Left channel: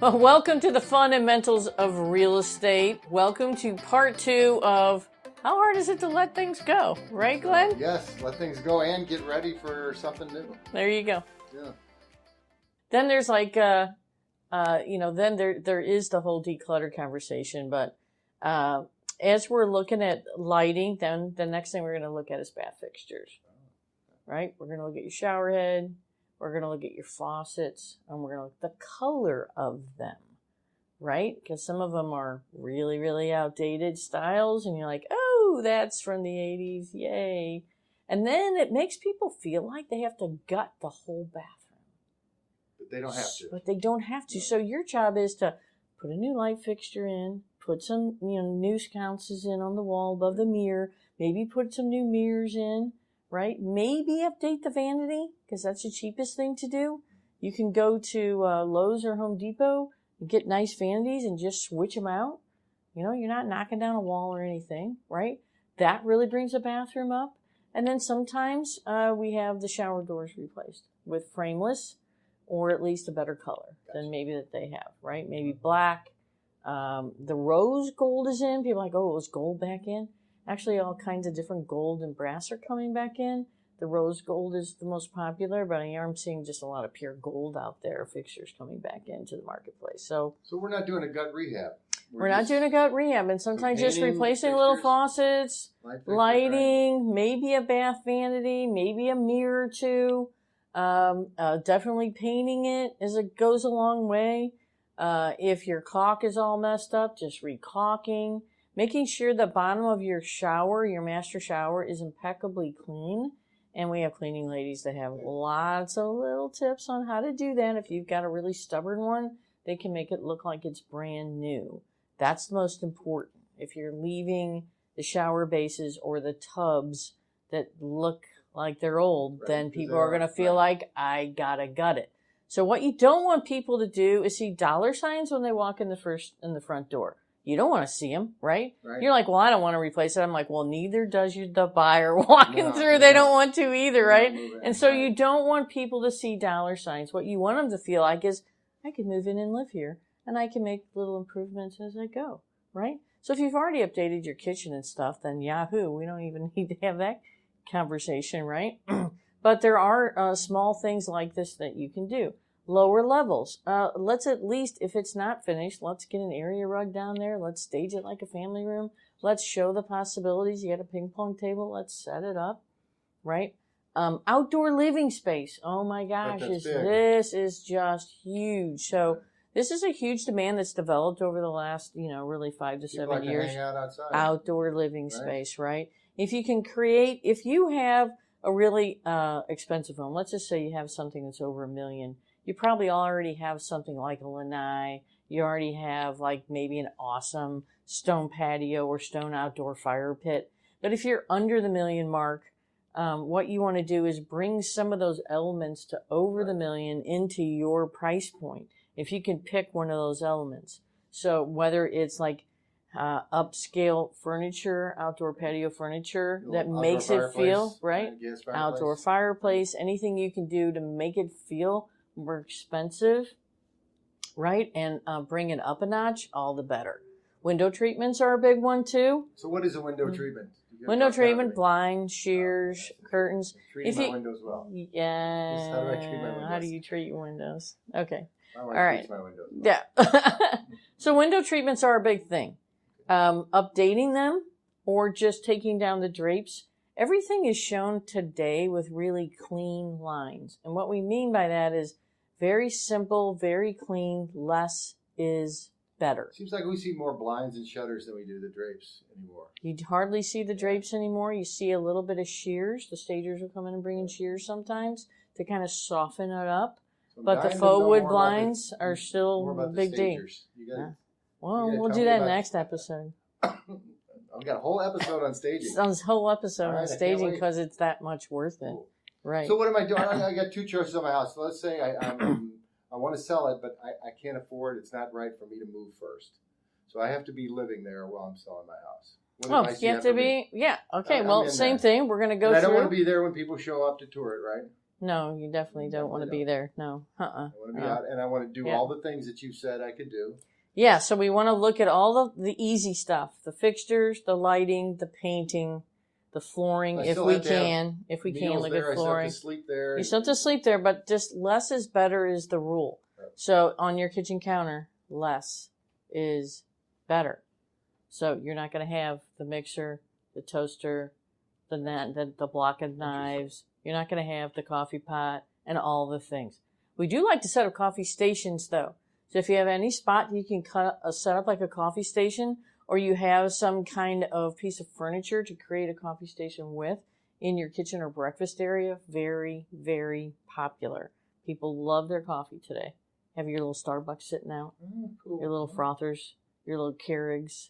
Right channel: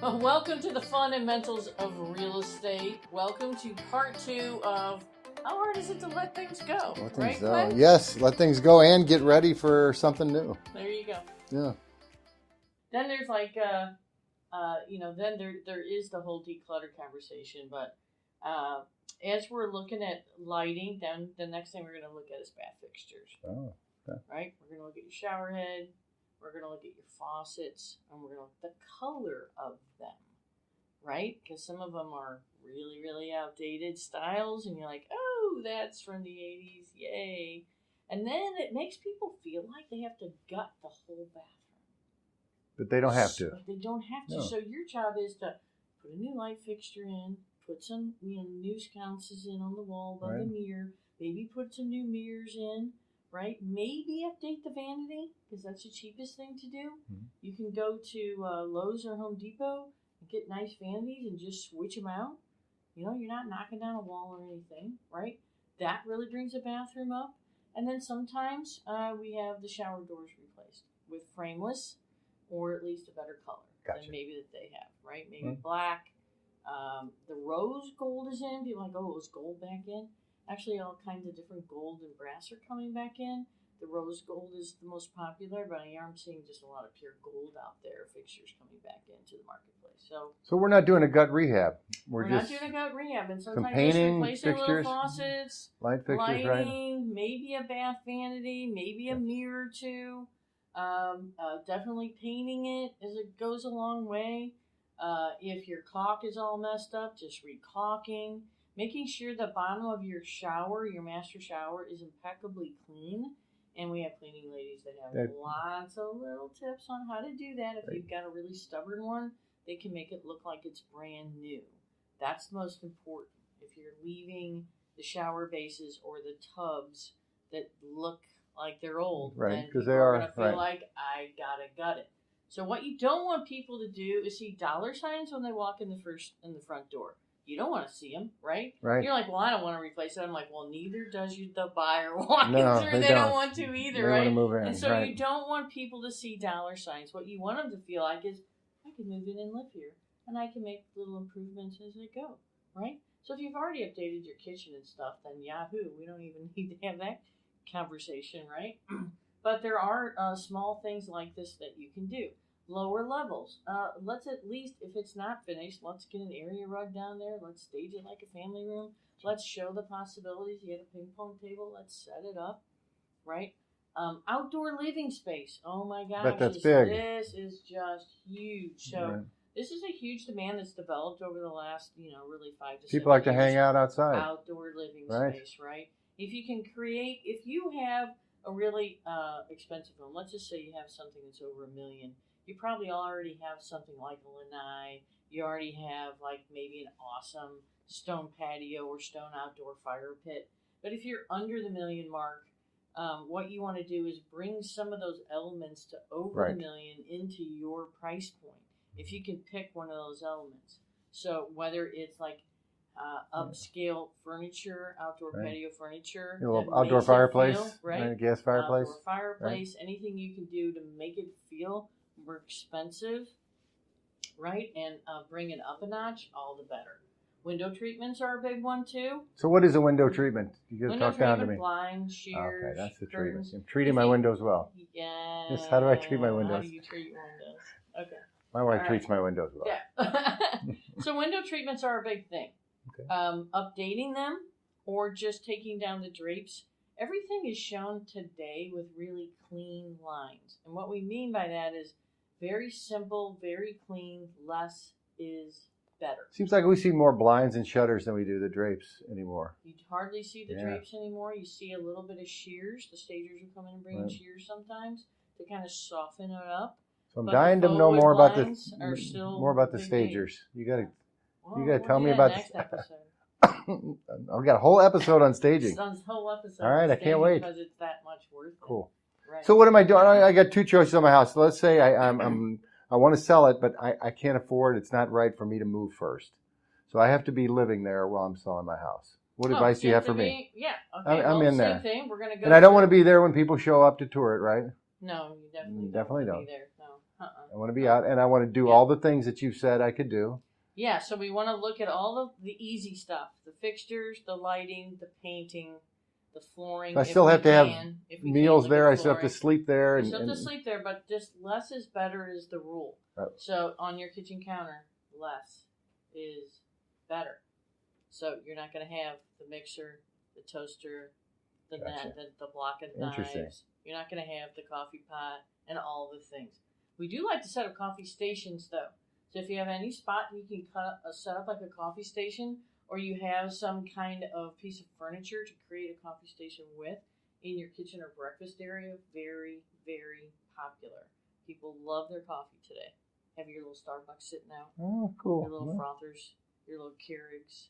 Well, welcome to the fundamentals of real estate. Welcome to part 2 of how hard is it to let things go, right, Glenn? Yes, let things go and get ready for something new. There you go. Yeah. Then there's like, then there is the whole declutter conversation. But as we're looking at lighting, then the next thing we're going to look at is bath fixtures. Oh, okay. Right? We're going to look at your shower head. We're going to look at your faucets, and we're going to look at the color of them, right? Because some of them are really, really outdated styles, and you're like, oh, that's from the 80s, yay. And then it makes people feel like they have to gut the whole bathroom. But they don't have to. But they don't have to. No. So your job is to put a new light fixture in, put some new sconces in on the wall above the mirror, maybe put some new mirrors in. Right? Maybe update the vanity, because that's the cheapest thing to do. Mm-hmm. You can go to Lowe's or Home Depot and get nice vanities and just switch them out. You're not knocking down a wall or anything, right? That really brings a bathroom up. And then sometimes we have the shower doors replaced with frameless or at least a better color than maybe that they have, right? Maybe black. The rose gold is in. People are like, oh, it was gold back in. Actually, all kinds of different gold and brass are coming back in. The rose gold is the most popular, but I'm seeing just a lot of pure gold out there, fixtures coming back into the marketplace. So we're not doing a gut rehab. We're not doing a gut rehab, and sometimes just replacing little faucets, lighting, maybe a bath vanity, maybe a mirror or two. Definitely painting it as it goes a long way. If your caulk is all messed up, just re-caulking. Making sure the bottom of your shower, your master shower, is impeccably clean. And we have cleaning ladies that have lots of little tips on how to do that. If you've got a really stubborn one, they can make it look like it's brand new. That's the most important. If you're leaving the shower bases or the tubs that look like they're old, then people are going to feel like, I gotta gut it. So what you don't want people to do is see dollar signs when they walk in the front door. You don't want to see them, right? You're like, well, I don't want to replace it. I'm like, well, neither does the buyer walking through. They don't want to either, right? And so you don't want people to see dollar signs. What you want them to feel like is, I can move in and live here, and I can make little improvements as I go, right? So if you've already updated your kitchen and stuff, then yahoo, we don't even need to have that conversation, right? But there are small things like this that you can do. Lower levels. Let's at least, if it's not finished, let's get an area rug down there. Let's stage it like a family room. Let's show the possibilities. You got a ping pong table. Let's set it up, right? Outdoor living space. Oh my gosh, this is just huge. So this is a huge demand that's developed over the last, really 5 to 7 years. People like to hang out outside. Outdoor living space, right? If you have a really expensive home, let's just say you have something that's over $1 million. You probably already have something like a lanai. You already have like maybe an awesome stone patio or stone outdoor fire pit. But if you're under the $1 million mark, what you want to do is bring some of those elements to over the $1 million into your price point. If you can pick one of those elements. So whether it's like upscale furniture, outdoor patio furniture that makes it feel, gas fireplace. Outdoor fireplace, anything you can do to make it feel more expensive, right? And bring it up a notch, all the better. Window treatments are a big one too. So what is a window treatment? Window treatment, blinds, shears, curtains. I'm treating my windows well. Yes. How do I treat my windows? How do you treat your windows? Okay. My wife treats my windows well. Yeah. So window treatments are a big thing. Okay. Updating them or just taking down the drapes. Everything is shown today with really clean lines. And what we mean by that is very simple, very clean, less is better. Seems like we see more blinds and shutters than we do the drapes anymore. You hardly see the drapes anymore. You see a little bit of shears. The stagers will come in and bring in shears sometimes to kind of soften it up. So but the faux wood blinds are still more about the big stagers. You gotta we'll do that next episode. I've got a whole episode on staging. On this whole episode on staging because it's that much worth it. Cool. Right. So what am I doing? I got 2 choices on my house. So let's say I want to sell it, but I can't afford it. It's not right for me to move first. So I have to be living there while I'm selling my house. What advice do you have for me? Yeah. Okay. Well, same thing. We're going to go And I don't want to be there when people show up to tour it, right? No, you definitely don't want to be there. No. I want to be out, and I want to do all the things that you've said I could do. Yeah, so we want to look at all the easy stuff, the fixtures, the lighting, the painting, the flooring. I still have to have meals there. I still have to sleep sleep there. You still have to sleep there, but just less is better is the rule. Right. So on your kitchen counter, less is better. So you're not going to have the mixer, the toaster, the block of knives. You're not going to have the coffee pot and all the things. We do like to set up coffee stations, though. So if you have any spot you can set up like a coffee station, or you have some kind of piece of furniture to create a coffee station with in your kitchen or breakfast area, very, very popular. People love their coffee today. Have your little Starbucks sitting out. Oh, cool. Your little frothers, your little Keurigs,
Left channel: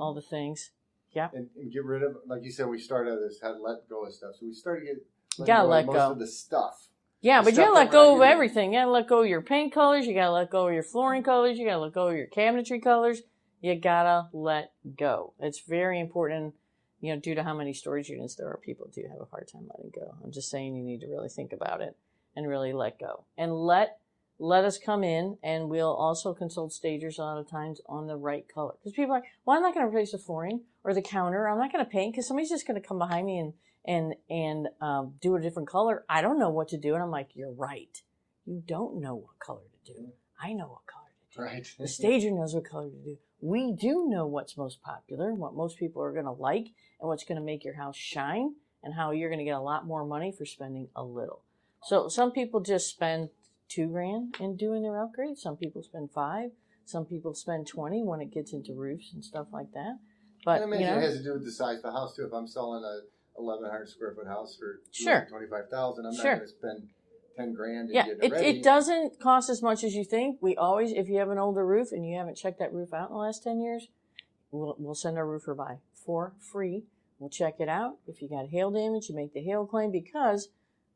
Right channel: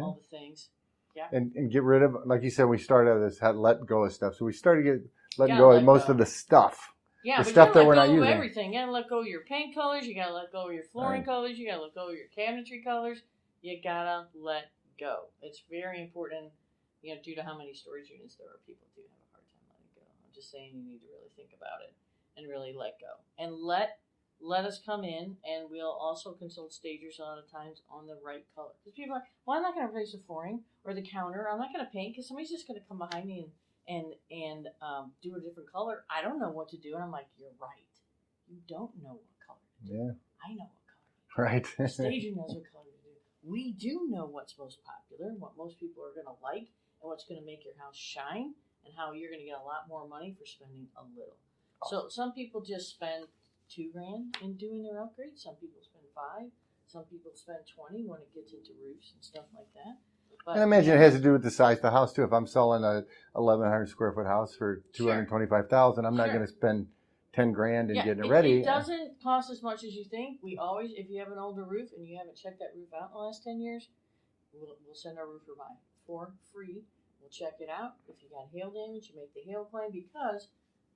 all the things. Yeah. And get rid of, like you said, we started out this, had let go of stuff. So we started letting go of most of the stuff. Yeah, but you gotta let go of everything. You gotta let go of your paint colors. You gotta let go of your flooring colors. You gotta let go of your cabinetry colors. You gotta let go. It's very important. You know, due to how many storage units there are, people do have a hard time letting go. I'm just saying you need to really think about it and really let go. And let us come in, and we'll also consult stagers a lot of times on the right color. Because people are like, well, I'm not going to replace the flooring or the counter. I'm not going to paint because somebody's just going to come behind me and do a different color. I don't know what to do. And I'm like, you're right. You don't know what color to do. Yeah. I know what color to do. Right. The stager knows what color to do. We do know what's most popular, what most people are going to like, and what's going to make your house shine, and how you're going to get a lot more money for spending a little. So some people just spend $2,000 in doing their upgrades. Some people spend $5,000. Some people spend $20,000 when it gets into roofs and stuff like that. But I imagine it has to do with the size of the house too. If I'm selling a 1,100 square foot house for $225,000, I'm not going to spend $10,000 and get it ready. It doesn't cost as much as you think. We always, if you have an older roof and you haven't checked that roof out in the last 10 years, we'll send our roofer by for free. We'll check it out. If you got hail damage, you make the hail claim, because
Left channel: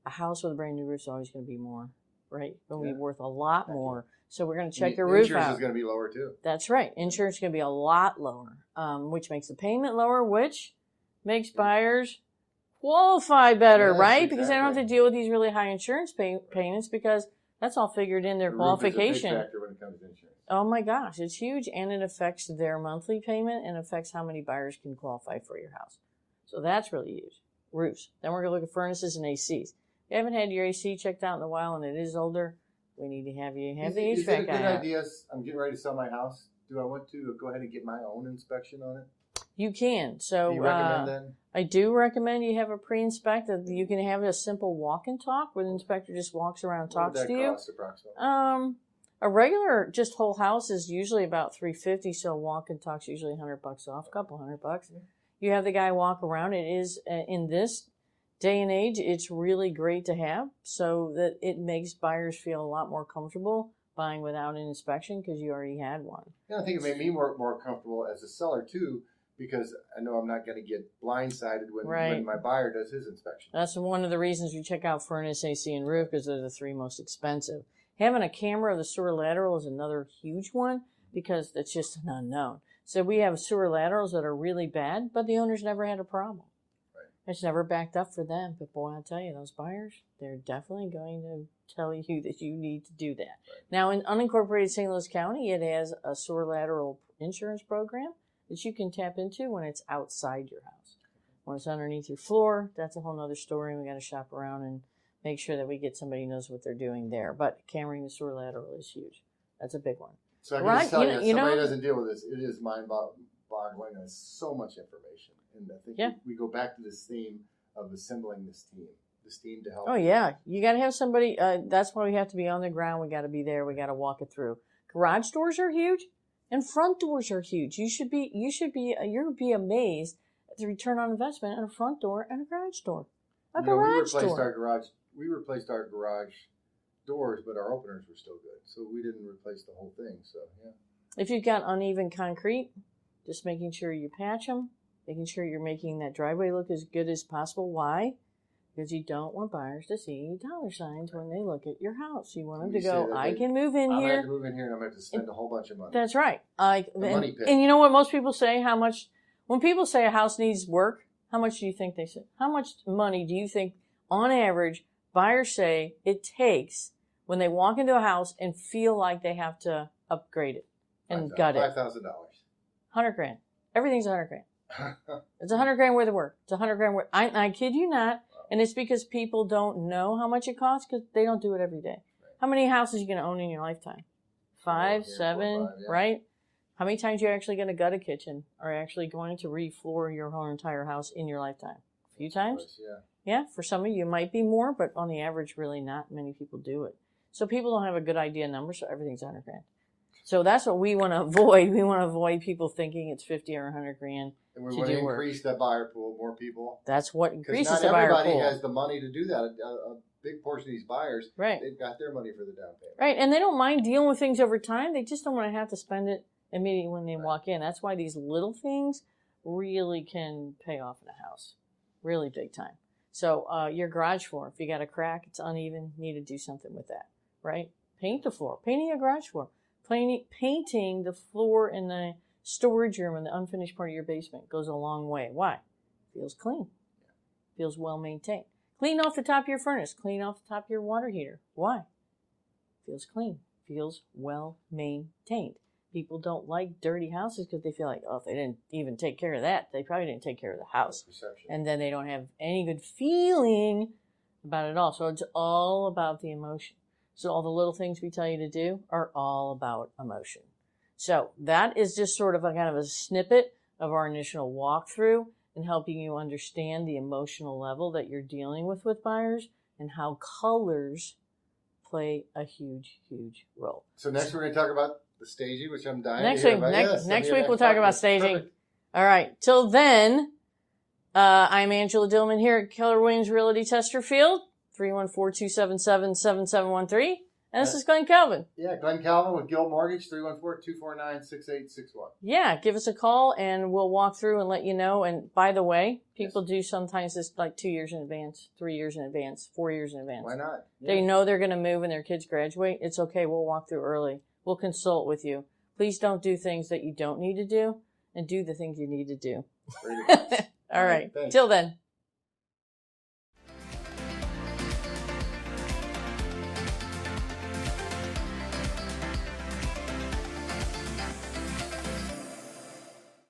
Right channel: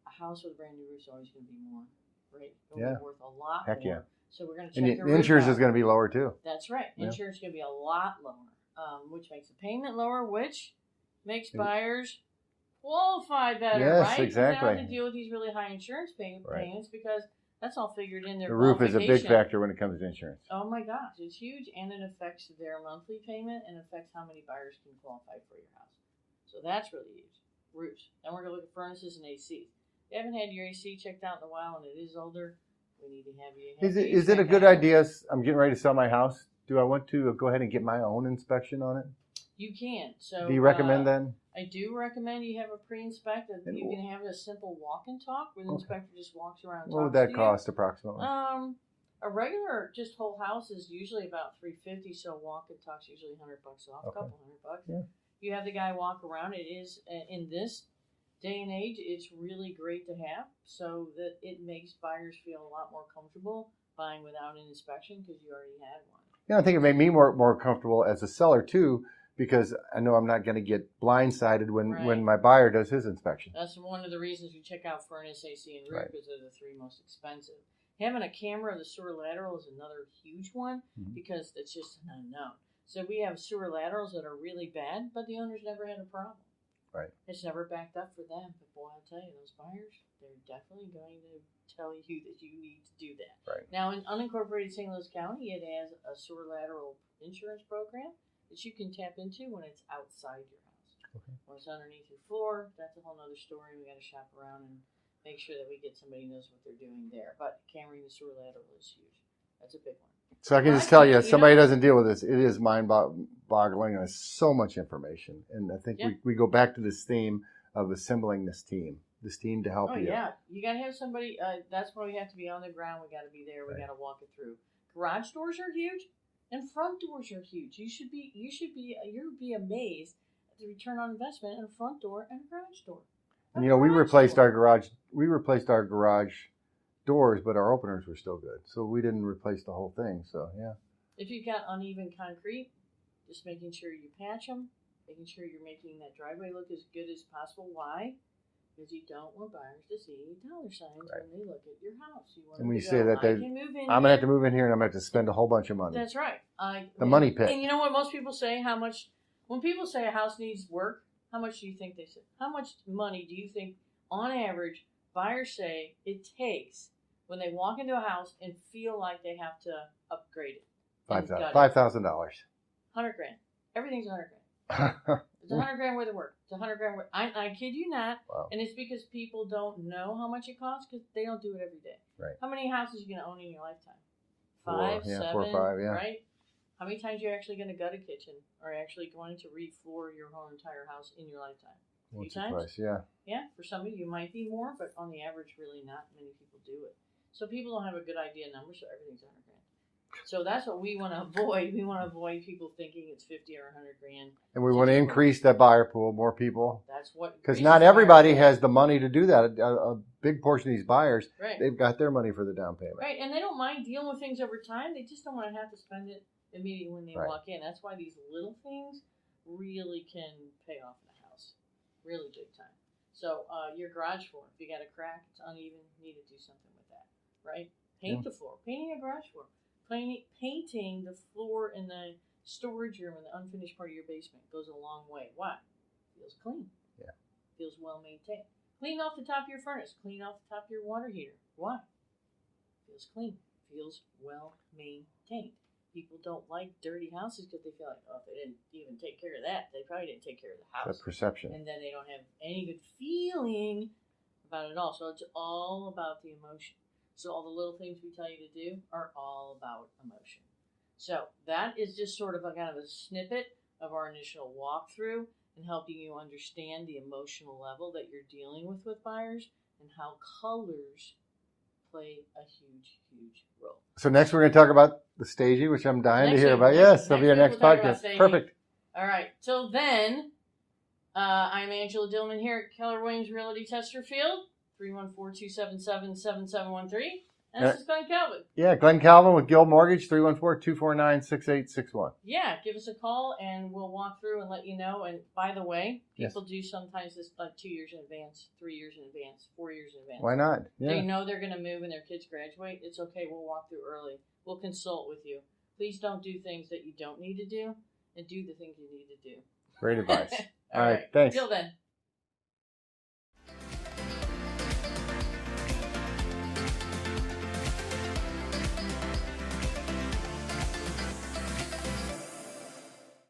a house with a brand new roof is always going to be more, right? It's going to be worth a lot more. Yeah. So we're going to check your roof out. Insurance is going to be lower too. That's right. Insurance is going to be a lot lower, which makes the payment lower, which makes buyers qualify better, right? Exactly. Because they don't have to deal with these really high insurance payments, because that's all figured in their qualification. The roof is a big factor when it comes to insurance. Oh my gosh, it's huge, and it affects their monthly payment and affects how many buyers can qualify for your house. So that's really huge. Roofs. Then we're going to look at furnaces and ACs. If you haven't had your AC checked out in a while and it is older, we need to have you have the Is it a good idea? I'm getting ready to sell my house. Do I want to go ahead and get my own inspection on it? You can. So do you recommend then? I do recommend you have a pre-inspect. You can have a simple walk and talk where the inspector just walks around and talks to you. What would that cost approximately? A regular just whole house is usually about $350, so a walk and talk's usually $100 off, a couple $100. Yeah. You have the guy walk around. It is in this day and age, it's really great to have, so that it makes buyers feel a lot more comfortable buying without an inspection because you already had one. Yeah, I think it made me more comfortable as a seller too, because I know I'm not going to get blindsided when my buyer does his inspection. That's one of the reasons you check out furnace, AC, and roof, because they're the three most expensive. Having a camera of the sewer lateral is another huge one, because it's just an unknown. So we have sewer laterals that are really bad, but the owner's never had a problem. Right. It's never backed up for them. But boy, I'll tell you, those buyers, they're definitely going to tell you that you need to do that. Right. Now, in unincorporated St. Louis County, it has a sewer lateral insurance program that you can tap into when it's outside your house. Okay. When it's underneath your floor, that's a whole other story, and we got to shop around and make sure that we get somebody who knows what they're doing there. But cammering the sewer lateral is huge. That's a big one. So I can just tell you, somebody doesn't deal with this. It is mind-boggling. There's so much information. And I think we go back to this theme of assembling this team to help you. Oh, yeah. You got to have somebody. That's why we have to be on the ground. We got to be there. We got to walk it through. Garage doors are huge, and front doors are huge. You'll be amazed at the return on investment in a front door and a garage door. We replaced our garage doors, but our openers were still good, so we didn't replace the whole thing. So if you've got uneven concrete, just making sure you patch them, making sure you're making that driveway look as good as possible. Why? Because you don't want buyers to see dollar signs when they look at your house. You want them to go, I can move in here. I'm going to have to move in here, and I'm going to have to spend a whole bunch of money. That's right. The money pit. And you know what most people say? When people say a house needs work, how much do you think they say? How much money do you think, on average, buyers say it takes when they walk into a house and feel like they have to upgrade it and gut it. $5,000. $100,000. Everything's $100,000. It's $100,000 worth of work. It's $100,000 worth. I kid you not. Wow. And it's because people don't know how much it costs because they don't do it every day. Right. How many houses are you going to own in your lifetime? 5, 7, 4 or 5, yeah. right? How many times are you actually going to gut a kitchen or actually going to re-floor your whole entire house in your lifetime? A few times? Twice, yeah. Yeah, for some of you it might be more, but on the average, really not many people do it. So people don't have a good idea number, so everything's $100,000. So that's what we want to avoid. We want to avoid people thinking it's $50,000 or $100,000. And we want to increase that buyer pool, more people. That's what increases because not everybody has the money to do that. A big portion of these buyers, right, they've got their money for the down payment. Right, and they don't mind dealing with things over time. They just don't want to have to spend it immediately when they Right. walk in. That's why these little things really can pay off in a house, really big time. So your garage floor, if you got a crack, it's uneven, you need to do something with that, right? Paint the floor, painting your garage floor, painting the floor in the storage room in the unfinished part of your basement goes a long way. Why? Feels clean. Yeah. Feels well maintained. Clean off the top of your furnace. Clean off the top of your water heater. Why? Feels clean. Feels well maintained. People don't like dirty houses because they feel like, oh, if they didn't even take care of that, they probably didn't take care of the house. That perception. And then they don't have any good feeling about it all. So it's all about the emotion. So all the little things we tell you to do are all about emotion. So that is just sort of a kind of a snippet of our initial walkthrough and helping you understand the emotional level that you're dealing with buyers and how colors play a huge, huge role. So next we're going to talk about the staging, which I'm dying to hear about. Next week we'll talk about staging. Perfect. All right. Till then, I'm Angela Dillmon here at Keller Williams Realty Chesterfield, 314-277-7713. And this is Glen Calvin. Yeah, Glen Calvin with Guild Mortgage, 314-249-6861. Yeah, give us a call and we'll walk through and let you know. And by the way, people do sometimes this like 2 years in advance, 3 years in advance, 4 years in advance. Why not? Yeah. They know they're going to move and their kids graduate. It's okay. We'll walk through early. We'll consult with you. Please don't do things that you don't need to do and do the things you need to do. Great advice. All right. Thanks. Till then.